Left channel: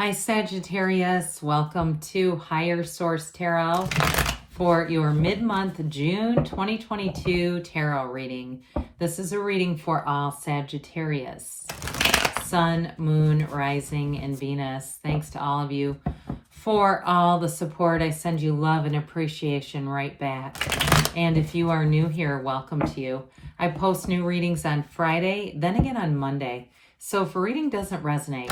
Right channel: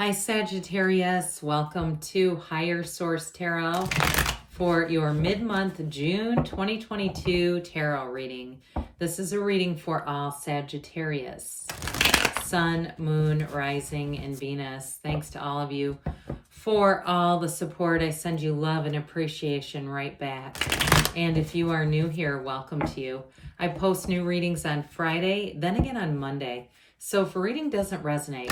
Hi Sagittarius, welcome to Higher Source Tarot for your mid-month June 2022 tarot reading. This is a reading for all Sagittarius, Sun, Moon, Rising, and Venus. Thanks to all of you for all the support. I send you love and appreciation right back. And if you are new here, welcome to you. I post new readings on Friday, then again on Monday. So if a reading doesn't resonate,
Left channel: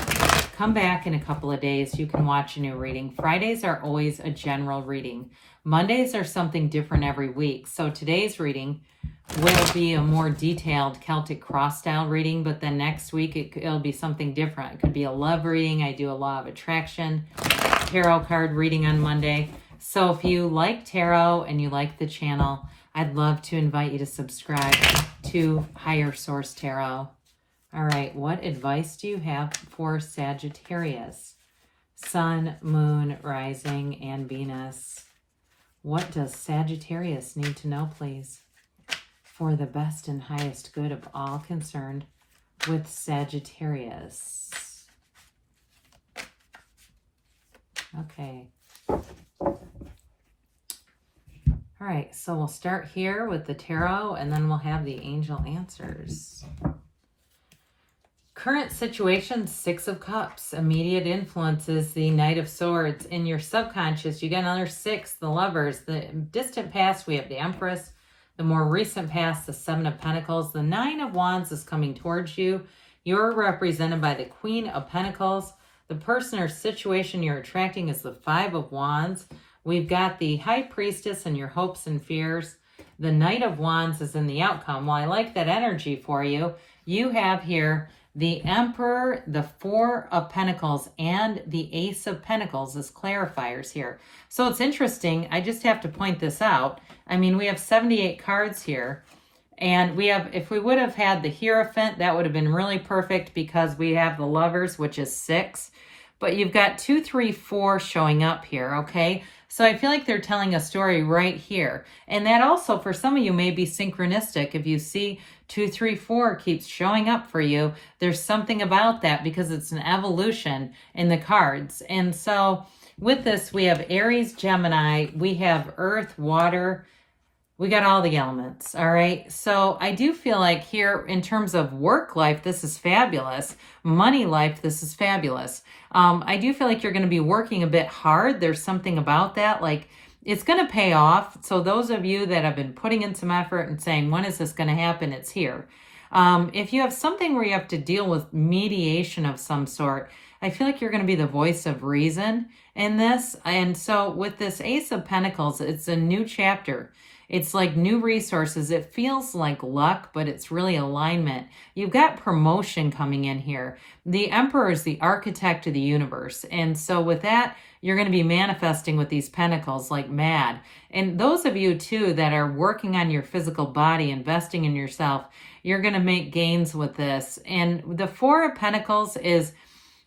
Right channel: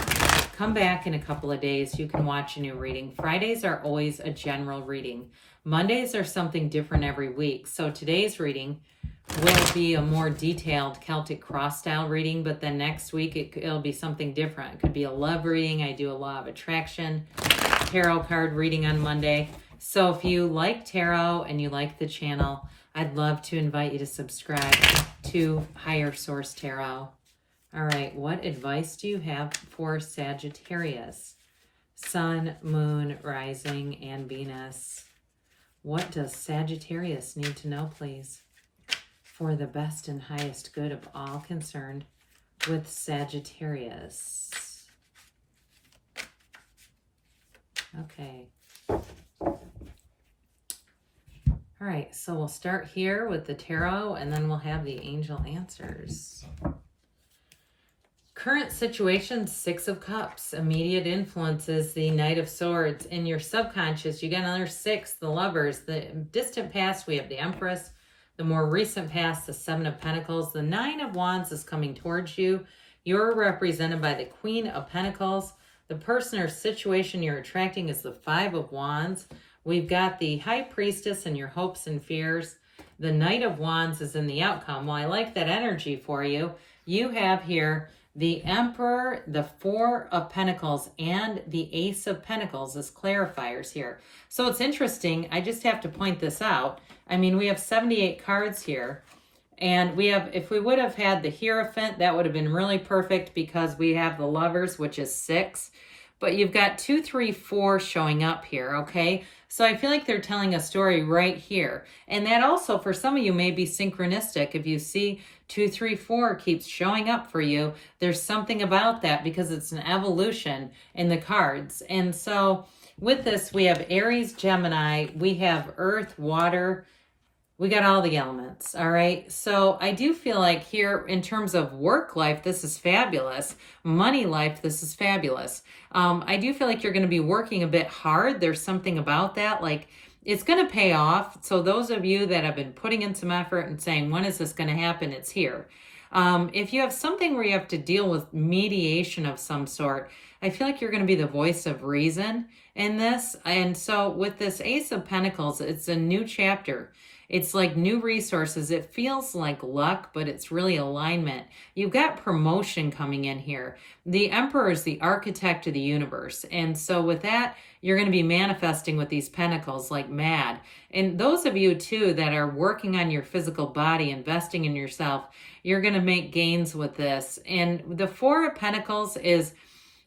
come back in a couple of days. You can watch a new reading. Fridays are always a general reading. Mondays are something different every week. So today's reading will be a more detailed Celtic cross style reading, but then next week it'll be something different. It could be a love reading. I do a law of attraction tarot card reading on Monday. So if you like tarot and you like the channel, I'd love to invite you to subscribe to Higher Source Tarot. All right, what advice do you have for Sagittarius? Sun, Moon, Rising, and Venus. What does Sagittarius need to know, please, for the best and highest good of all concerned with Sagittarius? Okay. All right, so we'll start here with the tarot, and then we'll have the angel answers. Current situation, Six of Cups. Immediate influences, the Knight of Swords. In your subconscious, you got another six, the Lovers. The distant past, we have the Empress. The more recent past, the Seven of Pentacles. The Nine of Wands is coming towards you. You're represented by the Queen of Pentacles. The person or situation you're attracting is the Five of Wands. We've got the High Priestess and your hopes and fears. The Knight of Wands is in the outcome. Well, I like that energy for you. You have here the Emperor, the Four of Pentacles, and the Ace of Pentacles as clarifiers here. So it's interesting. I just have to point this out. I mean, we have 78 cards here. And we have, if we would have had the Hierophant, that would have been really perfect because we have the Lovers, which is 6. But you've got 2, 3, 4 showing up here, okay? So I feel like they're telling a story right here. And that also, for some of you, may be synchronistic. If you see 2, 3, 4 keeps showing up for you, there's something about that because it's an evolution in the cards. And so with this, we have Aries, Gemini, we have Earth, Water, we got all the elements, all right? So I do feel like here, in terms of work life, this is fabulous. Money life, this is fabulous. I do feel like you're going to be working a bit hard. There's something about that, like it's going to pay off. So those of you that have been putting in some effort and saying, when is this going to happen? It's here. If you have something where you have to deal with mediation of some sort, I feel like you're going to be the voice of reason in this. And so with this Ace of Pentacles, it's a new chapter. It's like new resources. It feels like luck, but it's really alignment. You've got promotion coming in here. The Emperor is the architect of the universe. And so with that, you're going to be manifesting with these pentacles like mad. And those of you too that are working on your physical body, investing in yourself, you're going to make gains with this. And the Four of Pentacles is,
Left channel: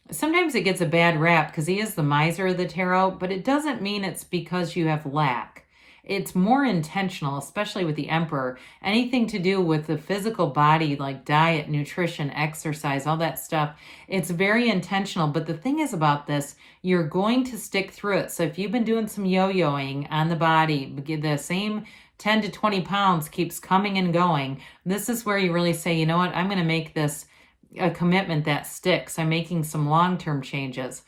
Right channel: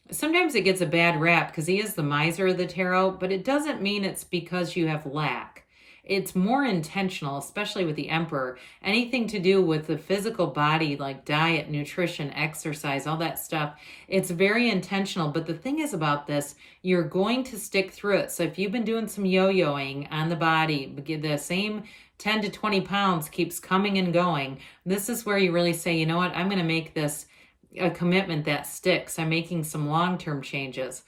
sometimes it gets a bad rap because he is the miser of the tarot, but it doesn't mean it's because you have lack. It's more intentional, especially with the Emperor. Anything to do with the physical body, like diet, nutrition, exercise, all that stuff, it's very intentional. But the thing is about this, you're going to stick through it. So if you've been doing some yo-yoing on the body, the same 10 to 20 pounds keeps coming and going, this is where you really say, you know what, I'm going to make this a commitment that sticks. I'm making some long-term changes.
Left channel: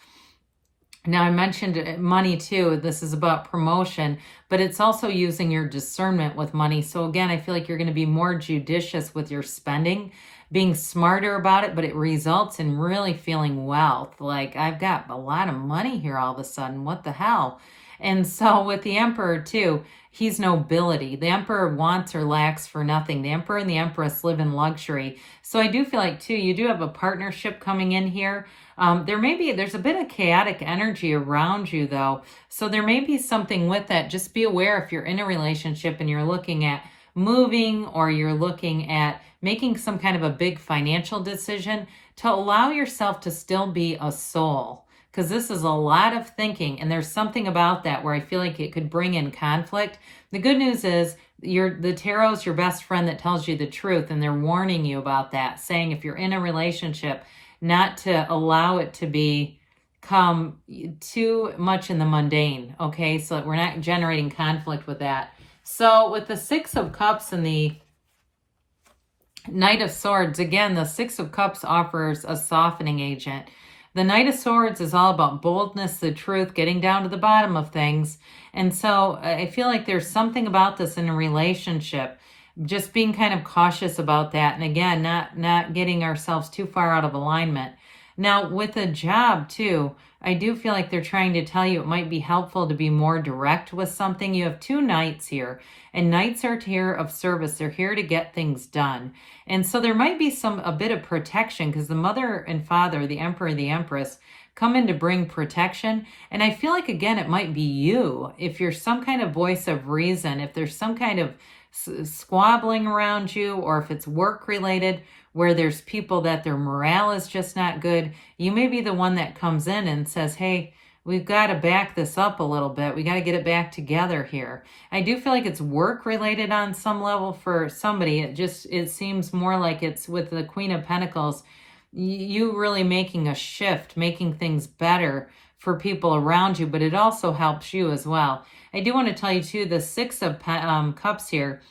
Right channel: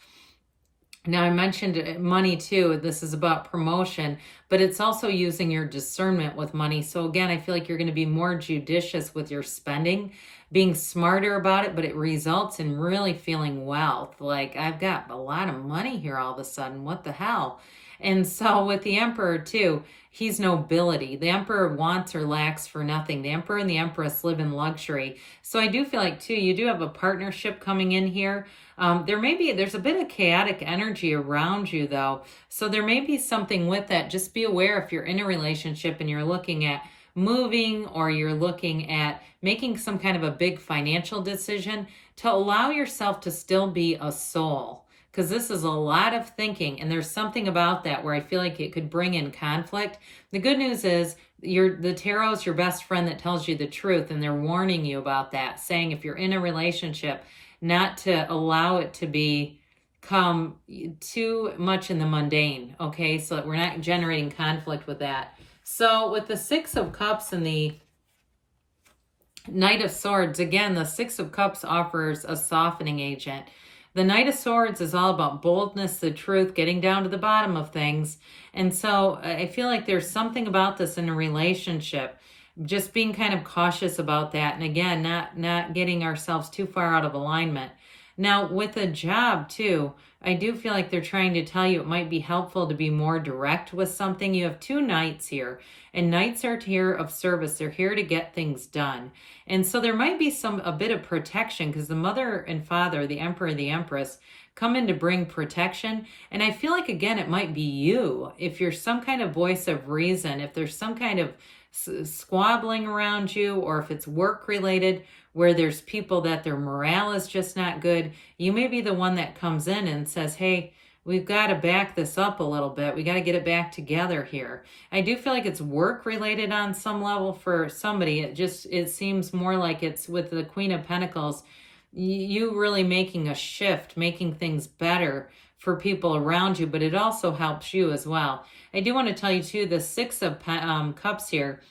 Now, I mentioned money too. This is about promotion, but it's also using your discernment with money. So again, I feel like you're going to be more judicious with your spending, being smarter about it, but it results in really feeling wealth. Like, I've got a lot of money here all of a sudden. What the hell? And so with the Emperor too, he's nobility. The Emperor wants or lacks for nothing. The Emperor and the Empress live in luxury. So I do feel like too, you do have a partnership coming in here. There's a bit of chaotic energy around you though. So there may be something with that. Just be aware if you're in a relationship and you're looking at moving or you're looking at making some kind of a big financial decision, to allow yourself to still be a soul. Because this is a lot of thinking, and there's something about that where I feel like it could bring in conflict. The good news is the tarot is your best friend that tells you the truth, and they're warning you about that, saying if you're in a relationship, not to allow it to be come too much in the mundane, okay? So that we're not generating conflict with that. So with the Six of Cups and the Knight of Swords, again, the Six of Cups offers a softening agent. The Knight of Swords is all about boldness, the truth, getting down to the bottom of things. And so I feel like there's something about this in a relationship, just being kind of cautious about that. And again, not getting ourselves too far out of alignment. Now, with a job too, I do feel like they're trying to tell you it might be helpful to be more direct with something. You have two knights here, and knights are here of service. They're here to get things done. And so there might be a bit of protection, because the mother and father, the emperor and the empress, come in to bring protection. And I feel like, again, it might be you. If you're some kind of voice of reason, if there's some kind of squabbling around you, or if it's work related, where there's people that their morale is just not good, you may be the one that comes in and says, hey, we've got to back this up a little bit. We got to get it back together here. I do feel like it's work related on some level for somebody. It seems more like it's with the Queen of Pentacles, you really making a shift, making things better for people around you, but it also helps you as well. I do want to tell you too, the Six of Cups here,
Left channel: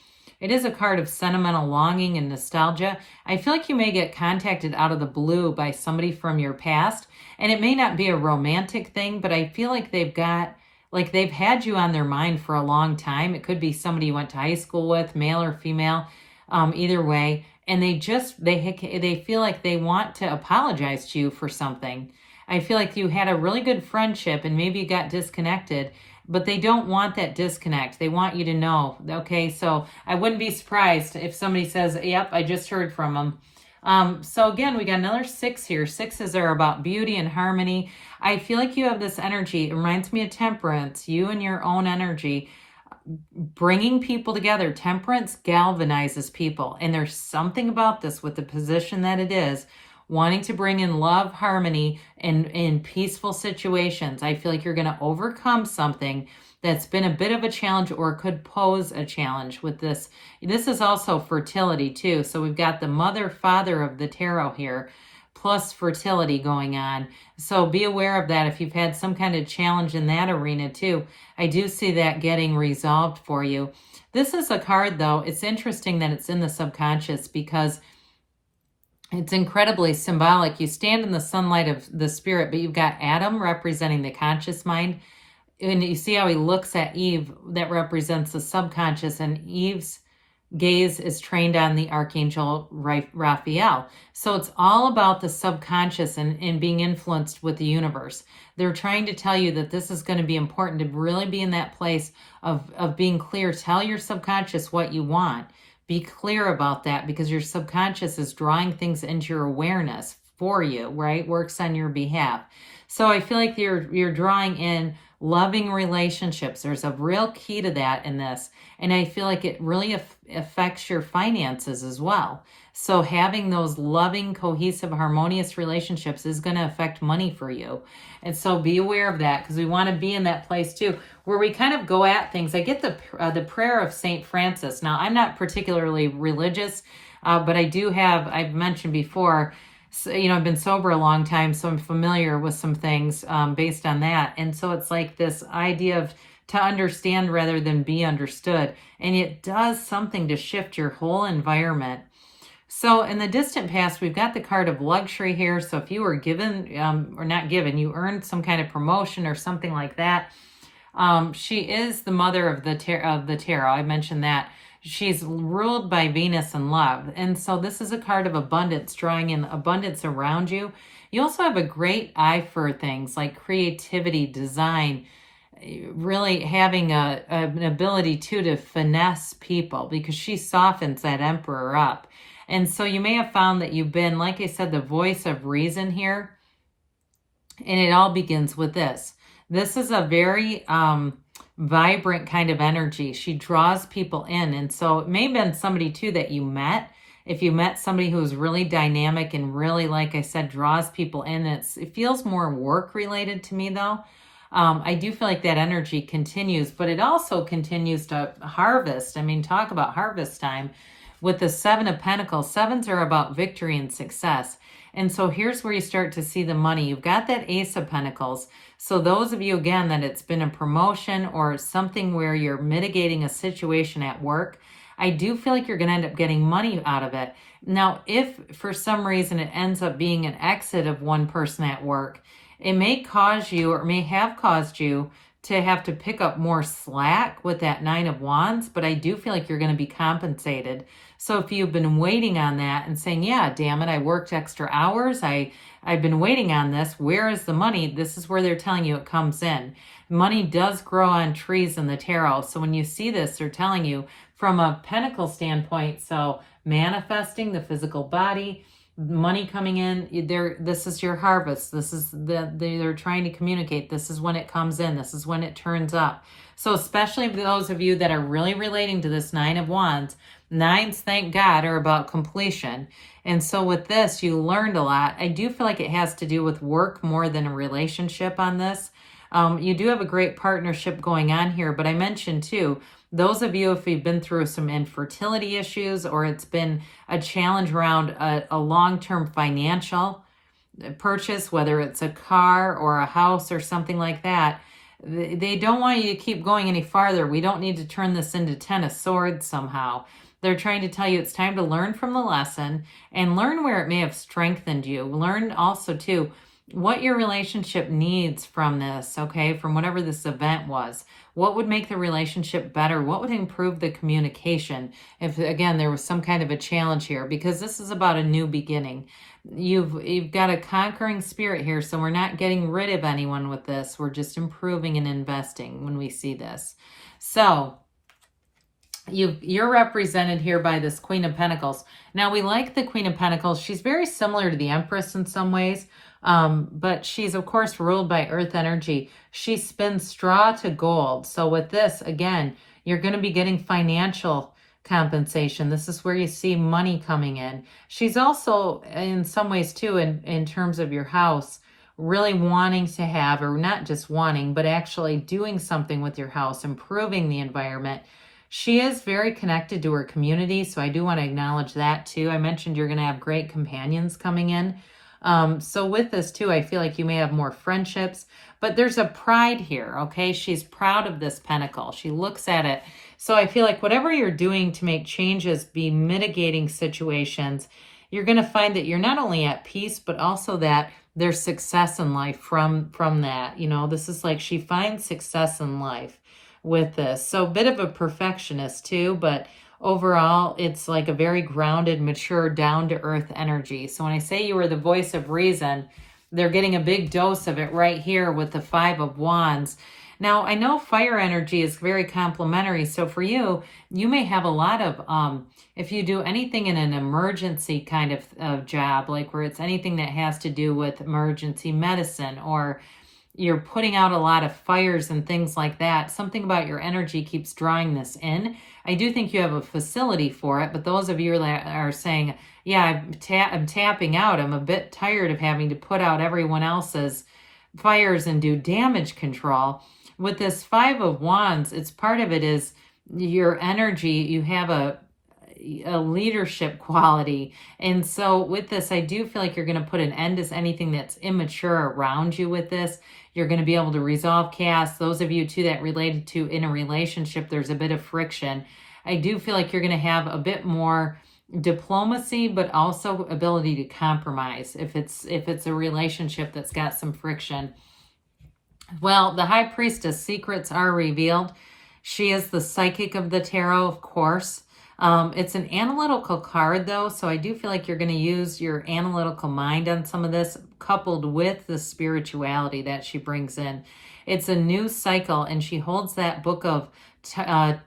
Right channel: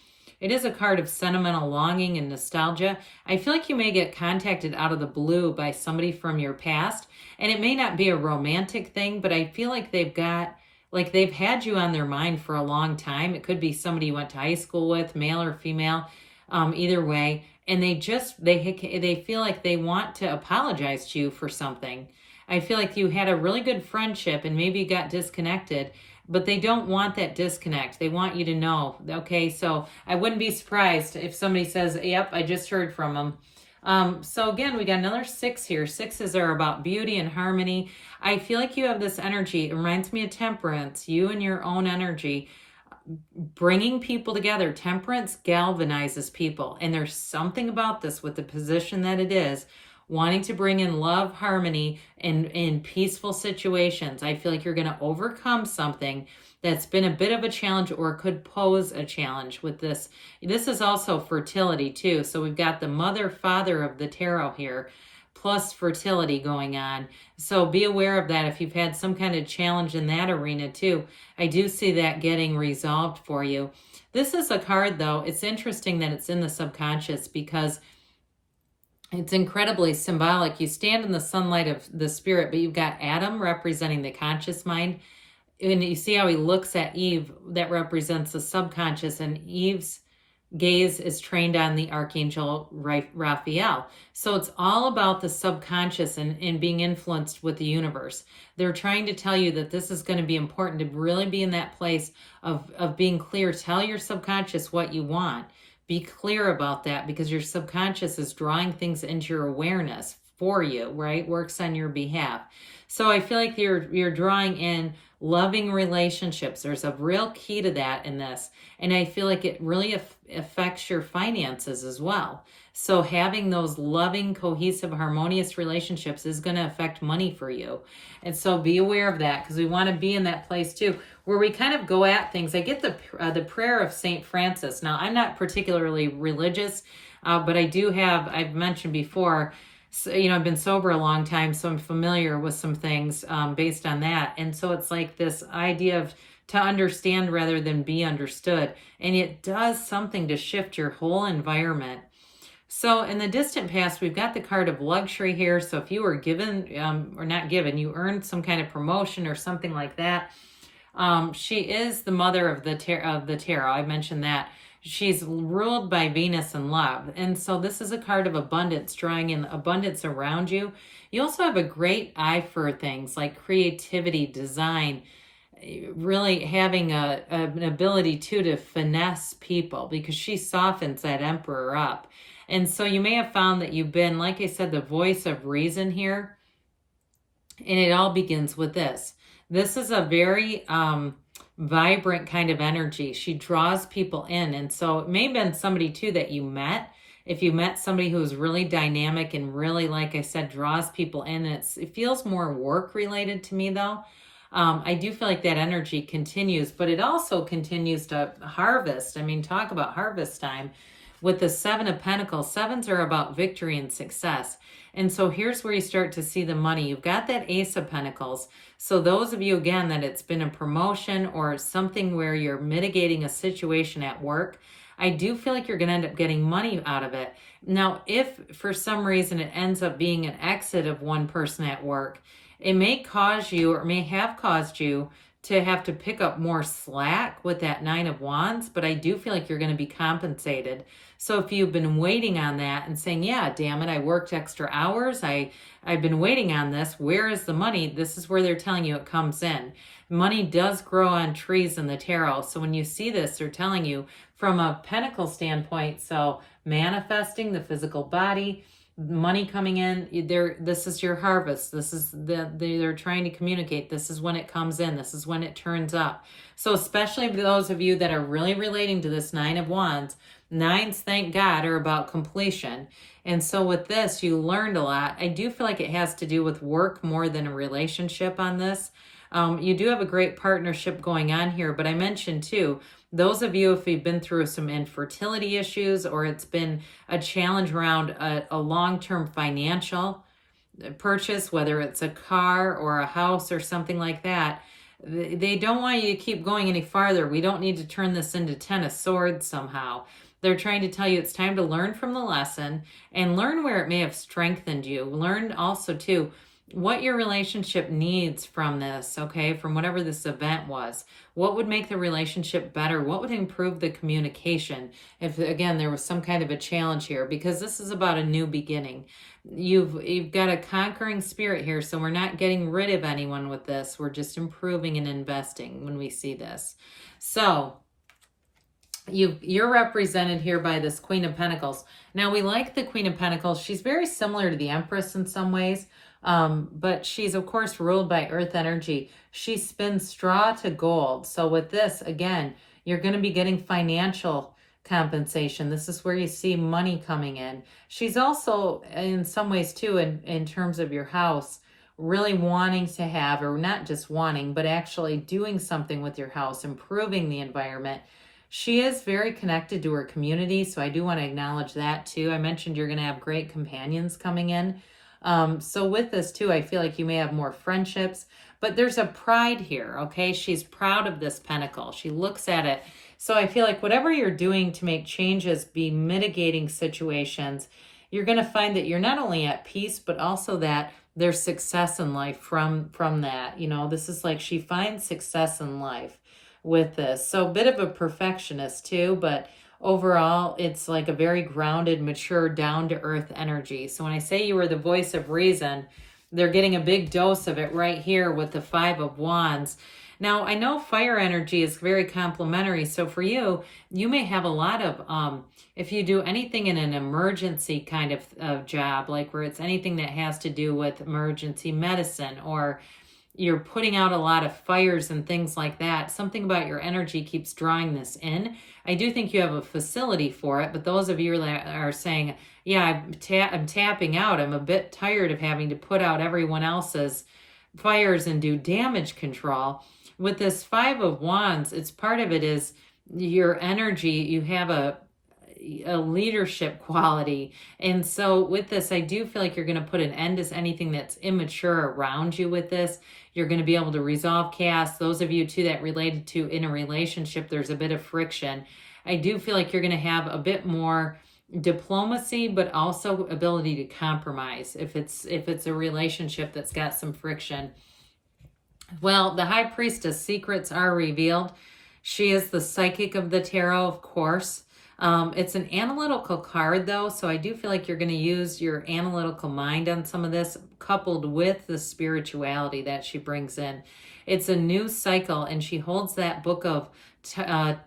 it is a card of sentimental longing and nostalgia. I feel like you may get contacted out of the blue by somebody from your past, and it may not be a romantic thing, but I feel like they've had you on their mind for a long time. It could be somebody you went to high school with, male or female, either way, and they feel like they want to apologize to you for something. I feel like you had a really good friendship and maybe you got disconnected, but they don't want that disconnect. They want you to know, okay? So I wouldn't be surprised if somebody says, yep, I just heard from them. So again, we got another six here. Sixes are about beauty and harmony. I feel like you have this energy. It reminds me of temperance, you and your own energy, bringing people together. Temperance galvanizes people. And there's something about this with the position that it is, wanting to bring in love, harmony, and in peaceful situations. I feel like you're going to overcome something that's been a bit of a challenge or could pose a challenge with this. This is also fertility too. So we've got the mother, father of the tarot here, plus fertility going on. So be aware of that if you've had some kind of challenge in that arena too. I do see that getting resolved for you. This is a card though. It's interesting that it's in the subconscious because it's incredibly symbolic. You stand in the sunlight of the spirit, but you've got Adam representing the conscious mind. And you see how he looks at Eve, that represents the subconscious, and Eve's gaze is trained on the Archangel Raphael. So it's all about the subconscious and being influenced with the universe. They're trying to tell you that this is going to be important to really be in that place of being clear. Tell your subconscious what you want. Be clear about that, because your subconscious is drawing things into your awareness for you, right? Works on your behalf. So I feel like you're drawing in loving relationships. There's a real key to that in this. And I feel like it really affects your finances as well. So having those loving, cohesive, harmonious relationships is going to affect money for you. And so be aware of that, because we want to be in that place too, where we kind of go at things. I get the prayer of St. Francis. Now, I'm not particularly religious, but I do have, I've mentioned before, so, I've been sober a long time, so I'm familiar with some things based on that. And so it's like this idea of to understand rather than be understood. And it does something to shift your whole environment. So in the distant past, we've got the card of luxury here. So if you were given or not given, you earned some kind of promotion or something like that. She is the mother of the tarot. I mentioned that. She's ruled by Venus and love. And so this is a card of abundance, drawing in abundance around you. You also have a great eye for things like creativity, design, really having an ability to finesse people, because she softens that emperor up. And so you may have found that you've been, like I said, the voice of reason here. And it all begins with this. This is a very vibrant kind of energy. She draws people in. And so it may have been somebody too that you met. If you met somebody who's really dynamic and really, like I said, draws people in, it feels more work related to me though. I do feel like that energy continues, but it also continues to harvest. I mean, talk about harvest time with the Seven of Pentacles. Sevens are about victory and success. And so here's where you start to see the money. You've got that Ace of Pentacles. So those of you, again, that it's been a promotion or something where you're mitigating a situation at work, I do feel like you're going to end up getting money out of it. Now, if for some reason it ends up being an exit of one person at work, it may cause you, or may have caused you, to have to pick up more slack with that Nine of Wands, but I do feel like you're going to be compensated. So if you've been waiting on that and saying, yeah, damn it, I worked extra hours, I've been waiting on this, where is the money? This is where they're telling you it comes in. Money does grow on trees in the tarot. So when you see this, they're telling you from a Pentacle standpoint, so manifesting the physical body, money coming in, this is your harvest. This is they're trying to communicate. This is when it comes in. This is when it turns up. So especially those of you that are really relating to this Nine of Wands, nines, thank God, are about completion. And so with this, you learned a lot. I do feel like it has to do with work more than a relationship on this. You do have a great partnership going on here, but I mentioned too, those of you, if you've been through some infertility issues, or it's been a challenge around a long-term financial purchase, whether it's a car or a house or something like that, they don't want you to keep going any farther. We don't need to turn this into Ten of Swords somehow. They're trying to tell you it's time to learn from the lesson and learn where it may have strengthened you. Learn also too what your relationship needs from this, okay, from whatever this event was. What would make the relationship better? What would improve the communication if, again, there was some kind of a challenge here? Because this is about a new beginning. You've got a conquering spirit here, so we're not getting rid of anyone with this. We're just improving and investing when we see this. So you're represented here by this Queen of Pentacles. Now, we like the Queen of Pentacles. She's very similar to the Empress in some ways. But she's, of course, ruled by earth energy. She spins straw to gold. So with this, again, you're going to be getting financial compensation. This is where you see money coming in. She's also, in some ways, too, in terms of your house, really wanting to have, or not just wanting, but actually doing something with your house, improving the environment. She is very connected to her community, so I do want to acknowledge that, too. I mentioned you're going to have great companions coming in. So with this too, I feel like you may have more friendships, but there's a pride here, okay? She's proud of this pentacle. She looks at it. So I feel like whatever you're doing to make changes, be mitigating situations, you're going to find that you're not only at peace, but also that there's success in life from that. You know, this is like she finds success in life with this. So a bit of a perfectionist too, but overall, it's like a very grounded, mature, down-to-earth energy. So when I say you are the voice of reason, they're getting a big dose of it right here with the Five of Wands. Now, I know fire energy is very complementary. So for you, you may have a lot of, if you do anything in an emergency kind of job, like where it's anything that has to do with emergency medicine, or you're putting out a lot of fires and things like that, something about your energy keeps drawing this in. I do think you have a facility for it, but those of you that are saying, yeah, I'm tapping out, I'm a bit tired of having to put out everyone else's fires and do damage control. With this Five of Wands, it's part of it is your energy. You have a leadership quality. And so with this, I do feel like you're going to put an end to anything that's immature around you with this. You're going to be able to resolve chaos. Those of you too that related to in a relationship, there's a bit of friction. I do feel like you're going to have a bit more diplomacy, but also ability to compromise if it's a relationship that's got some friction. Well, the High Priestess, secrets are revealed. She is the psychic of the tarot, of course. It's an analytical card, though, so I do feel like you're going to use your analytical mind on some of this, coupled with the spirituality that she brings in. It's a new cycle, and she holds that book of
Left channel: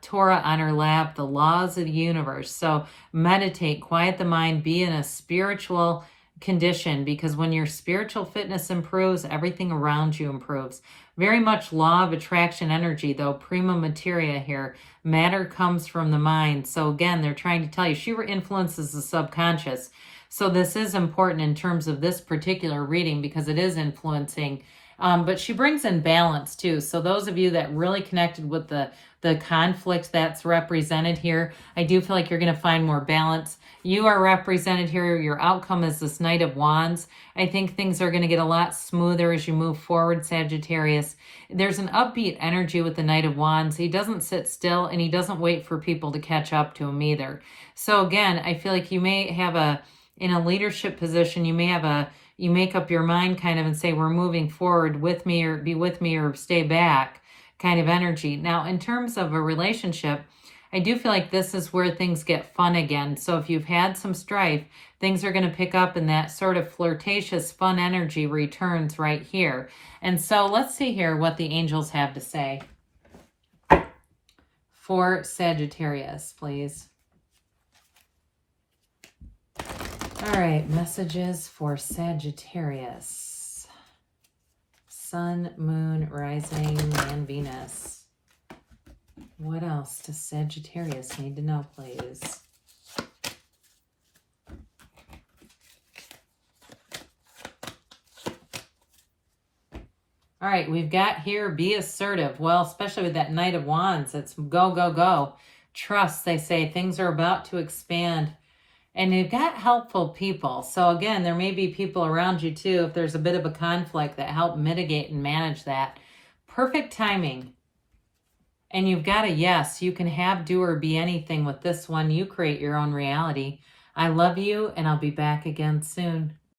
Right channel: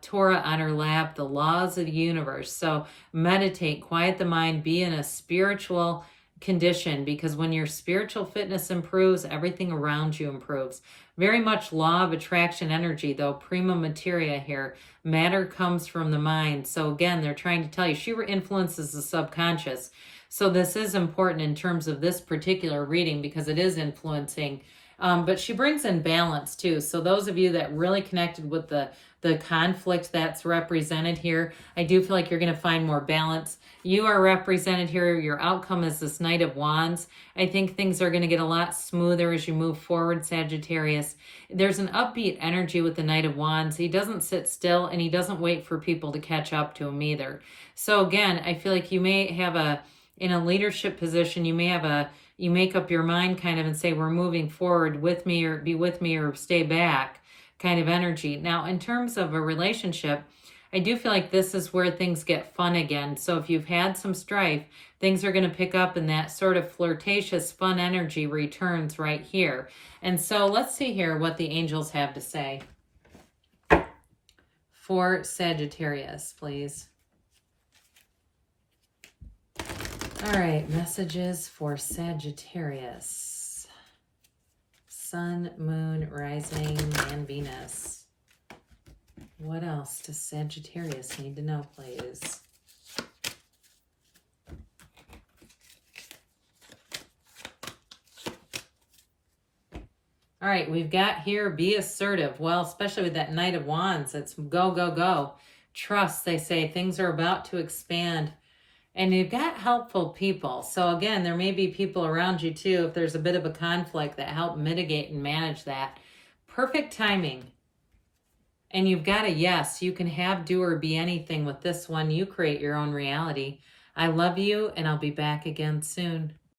Torah on her lap, the laws of the universe. So meditate, quiet the mind, be in a spiritual condition, because when your spiritual fitness improves, everything around you improves. Very much law of attraction energy, though, prima materia here. Matter comes from the mind. So again, they're trying to tell you she influences the subconscious. So this is important in terms of this particular reading because it is influencing. But she brings in balance too. So those of you that really connected with the the conflict that's represented here. I do feel like you're going to find more balance. You are represented here. Your outcome is this Knight of Wands. I think things are going to get a lot smoother as you move forward, Sagittarius. There's an upbeat energy with the Knight of Wands. He doesn't sit still, and he doesn't wait for people to catch up to him either. So again, I feel like you may have in a leadership position, you make up your mind kind of and say, we're moving forward with me, or be with me, or stay back kind of energy. Now, in terms of a relationship, I do feel like this is where things get fun again. So if you've had some strife, things are going to pick up, and that sort of flirtatious, fun energy returns right here. And so let's see here what the angels have to say for Sagittarius, please. All right, messages for Sagittarius. Sun, Moon, Rising, and Venus. What else does Sagittarius need to know, please? All right, we've got here, be assertive. Well, especially with that Knight of Wands, it's go, go, go. Trust, they say. Things are about to expand. And you've got helpful people. So again, there may be people around you too, if there's a bit of a conflict, that help mitigate and manage that. Perfect timing. And you've got a yes. You can have, do, or be anything with this one. You create your own reality. I love you, and I'll be back again soon.